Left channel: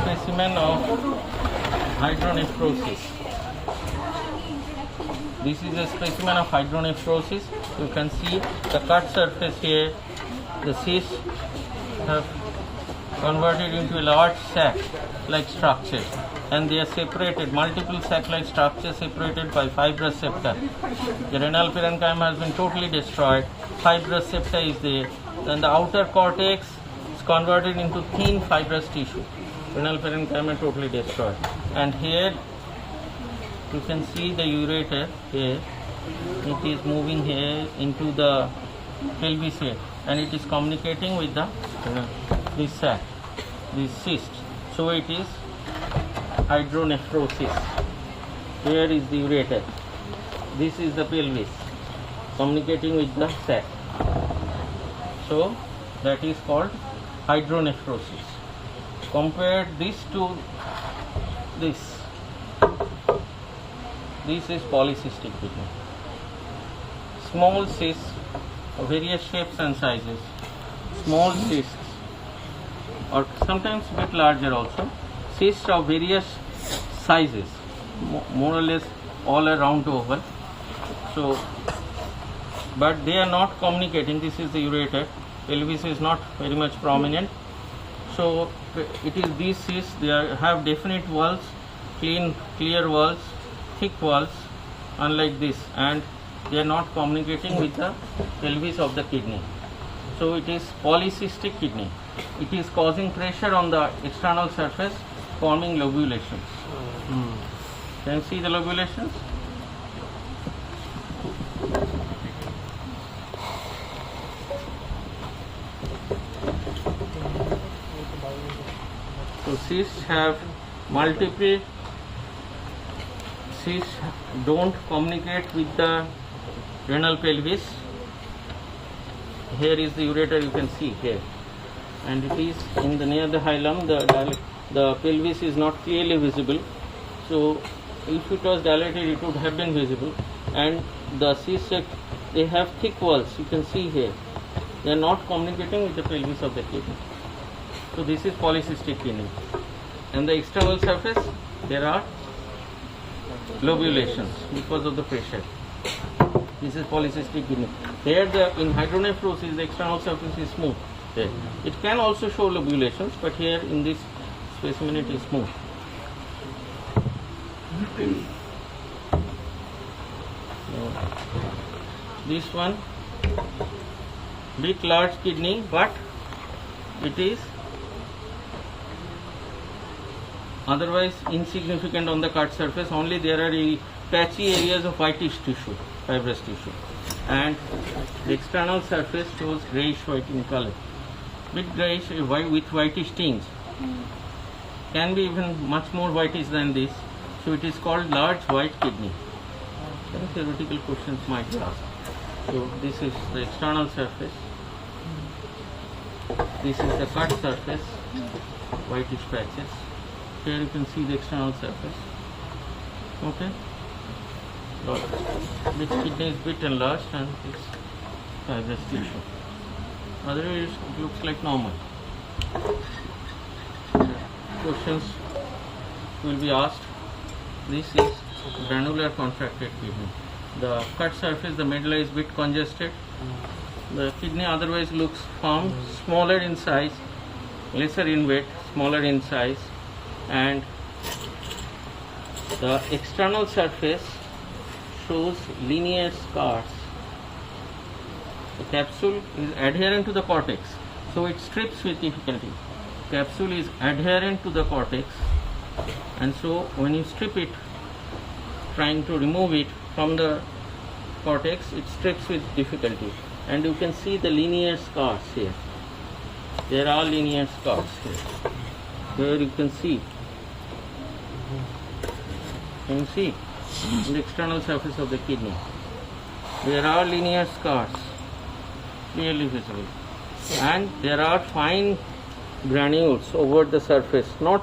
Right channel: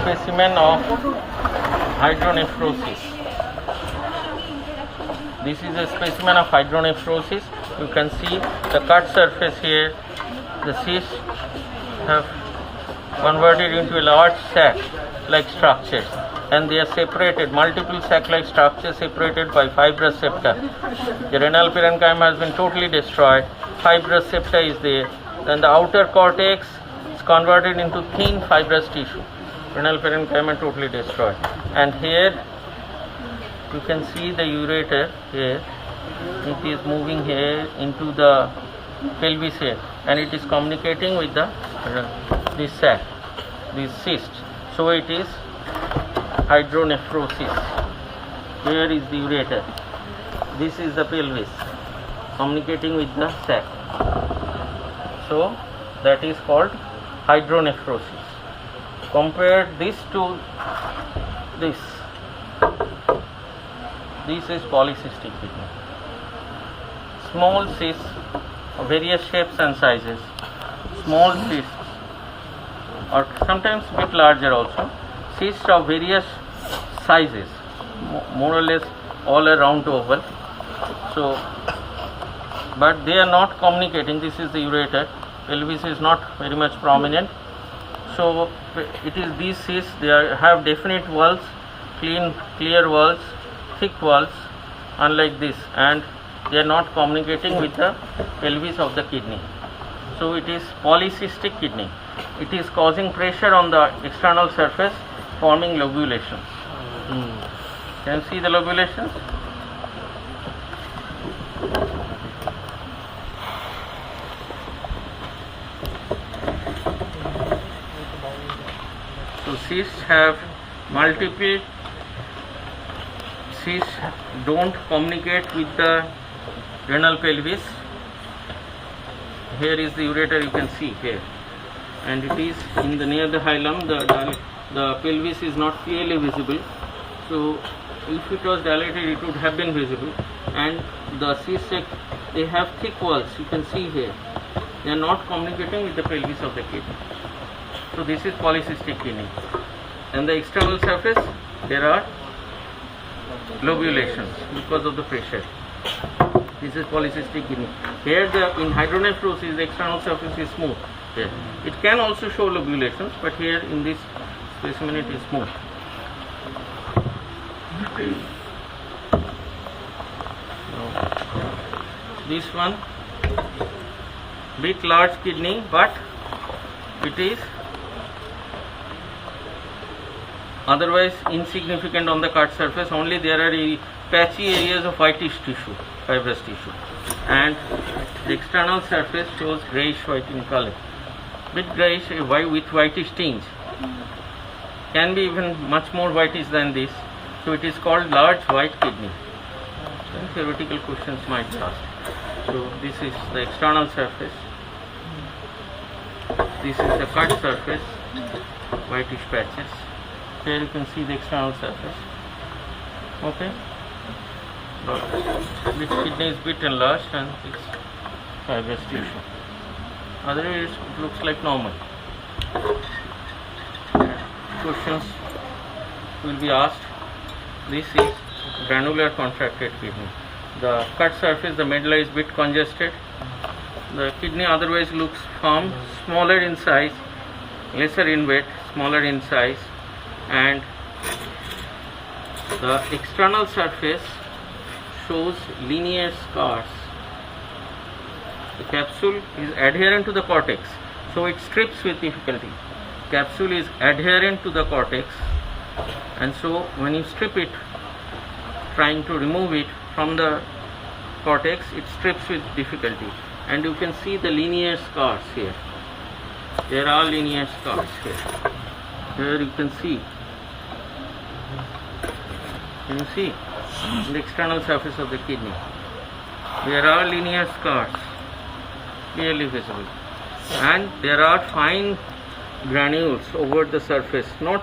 Specimen of hydronephrosis. This is a specimen of hydronephrosis. You can see the cut surface here. The cysts have converted into a large sac-like structures, and they are separated, multiple sac-like structures separated by fibrous septa. The renal parenchyma has been totally destroyed. Fibrous septa is there. Then the outer cortex is converted into thin fibrous tissue. Renal parenchyma totally destroyed. And here you can see the ureter here. It is moving here into the pelvis here, and it is communicating with the this sac, this cyst. So it is hydronephrosis. Here is the ureter. This is the pelvis communicating with the sac. So that is called hydronephrosis. Compare this to this. This is polycystic kidney. Small cysts of various shapes and sizes. Small cysts, or sometimes a bit larger also. Cysts of various sizes, more or less all around the oval. So, but they are not communicating. This is the ureter. Pelvis is not very much prominent. So it is these cysts. They have definite walls, clear walls, thick walls, unlike this, and they are not communicating with the pelvis of the kidney. So it is polycystic kidney. It is causing pressure on the external surface, forming lobulations. Can you see the lobulations? So cysts have multiple. Cysts don't communicate with the renal pelvis. Here is the ureter, you can see here, and it is in the near the hilum. The pelvis is not clearly visible. So if it was dilated, it would have been visible. And the cysts, they have thick walls. You can see here. They are not communicating with the pelvis of the kidney. So this is polycystic kidney. And the external surface, there are lobulations because of the pressure. This is polycystic kidney. Here in hydronephrosis, the external surface is smooth. Here. It can also show lobulations, but here in this specimen it is smooth. Now, this one, bit large kidney, but it is otherwise insignificant on the cut surface. Only there are patchy areas of whitish tissue, fibrous tissue, and the external surface shows greyish white in color, bit greyish with whitish tinge. Can be even much more whitish than this. So it is called large white kidney. Some theoretical questions might be asked. So this is the external surface. This is the cut surface, whitish patches. Here you can see the external surface. Okay. This kidney is bit enlarged and it's fibrous tissue. Otherwise it looks like normal. Questions will be asked. This is granular contracted kidney. The cut surface, the medulla is bit congested. The kidney otherwise looks firm, smaller in size, lesser in weight, smaller in size, and the external surface shows linear scars. The capsule is adherent to the cortex, so it strips with difficulty. Capsule is adherent to the cortex, and so when you strip it, trying to remove it from the cortex, it strips with difficulty. And you can see the linear scars here. There are linear scars here. Here you can see. Can you see? On the external surface of the kidney. There are linear scars, clearly visible. And there are fine granules over the surface, not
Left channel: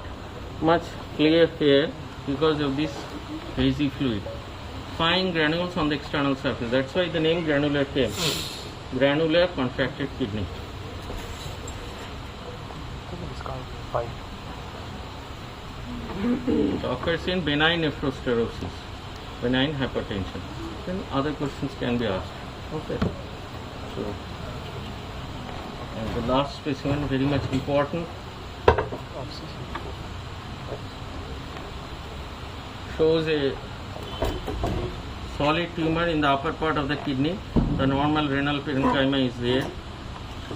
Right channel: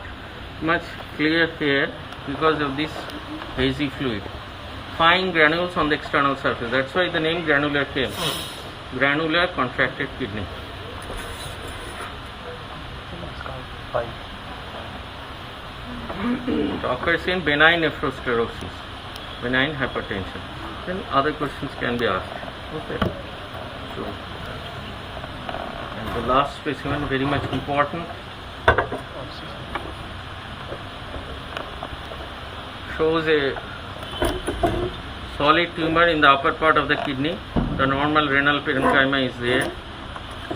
much clear here because of this hazy fluid. Fine granules on the external surface. That's why the name granular came. Granular contracted kidney. 5. It occurs in benign nephrosclerosis, benign hypertension. Then other questions can be asked. Okay. So, and the last specimen, very much important, shows a solid tumor in the upper part of the kidney. The normal renal parenchyma is there.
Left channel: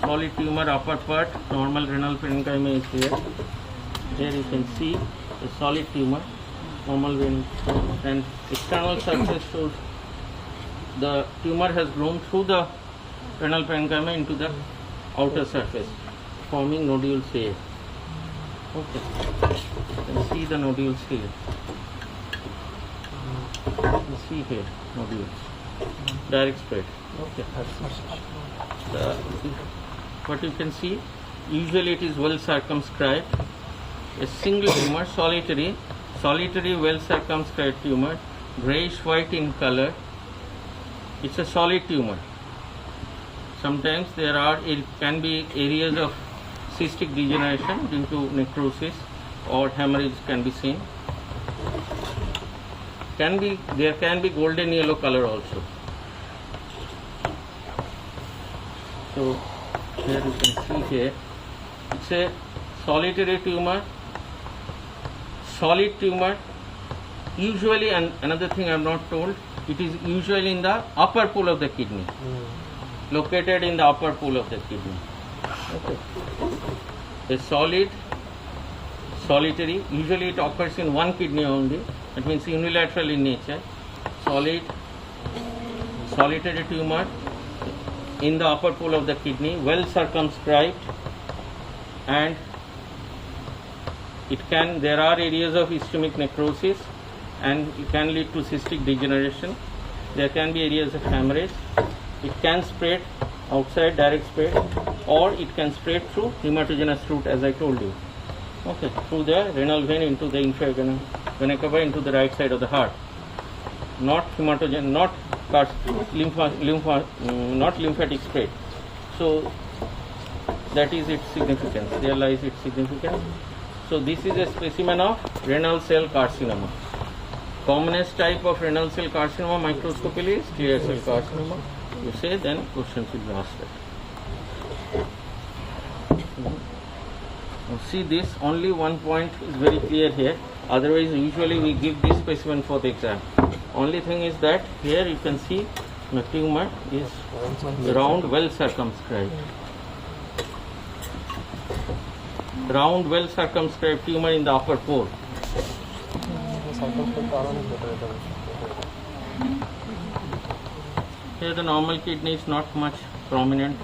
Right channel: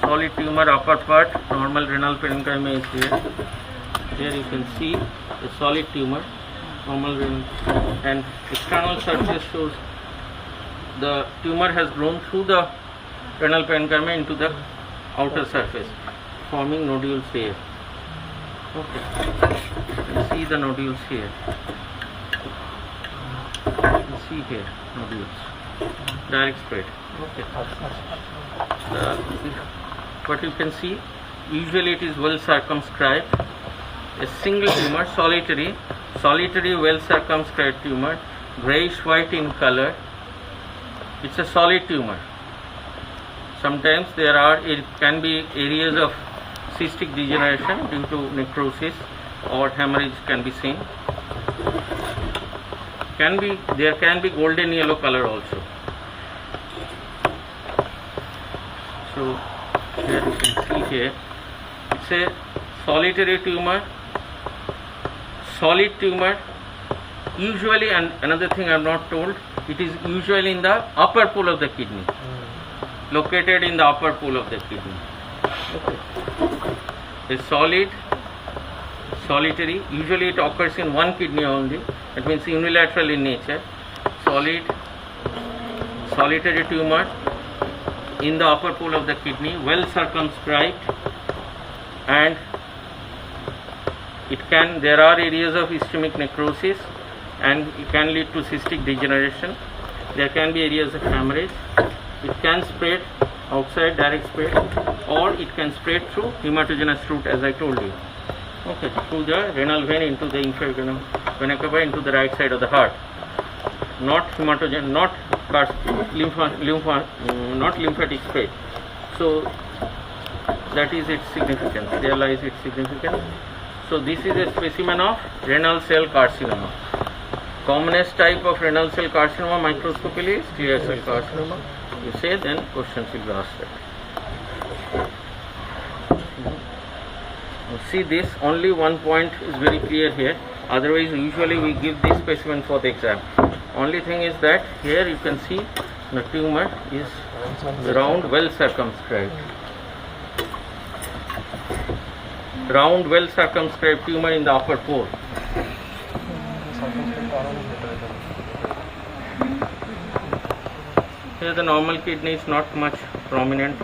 Solid tumor upper part, normal renal parenchyma is there. Here you can see a solid tumor, normal renal, and external surface shows the tumor has grown through the renal parenchyma into the outer surface, forming nodules here. Okay, you can see the nodules here. You can see here nodules, direct spread. Okay. What you can see, usually it is well circumscribed. A single tumor, solitary well circumscribed tumor, grayish white in color. It's a solid tumor. Sometimes it can be areas of cystic degeneration due to necrosis, or hemorrhage can be seen. There can be golden yellow color also. So here you can see here, it's a solitary tumor, solid tumor. Usually, and another thing I am not told, it is usually in the upper pool of the kidney, located in the upper pool of the kidney. Okay. A solitary, usually it occurs in one kidney only, that means unilateral in nature. Solitary tumor in the upper pool of the kidney, well circumscribed, and there are areas of ischemic necrosis, and it can lead to cystic degeneration. There can be areas of hemorrhage. It can spread outside, direct spread, or it can spread through hematogenous route, as I told you. Okay, through the renal vein into the infravena cava into the right side of the heart. Not hematogen, not lymphatic spread. So that is its significance. There lies its significance. So this is a specimen of renal cell carcinoma. Commonest type of renal cell carcinoma microscopically is clear cell carcinoma. You say, then questions will be asked. See this, only one point is very clear here. Otherwise, usually we give this specimen for the exam. Only thing is that here you can see the tumor is round, well circumscribed. Round, well circumscribed tumor in the upper pole. Here the normal kidney is not much prominent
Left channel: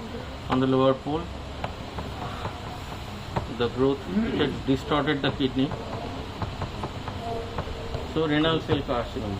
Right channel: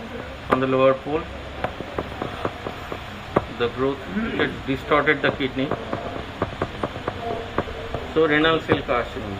on the lower pole. The growth had distorted the kidney. So renal cell carcinoma.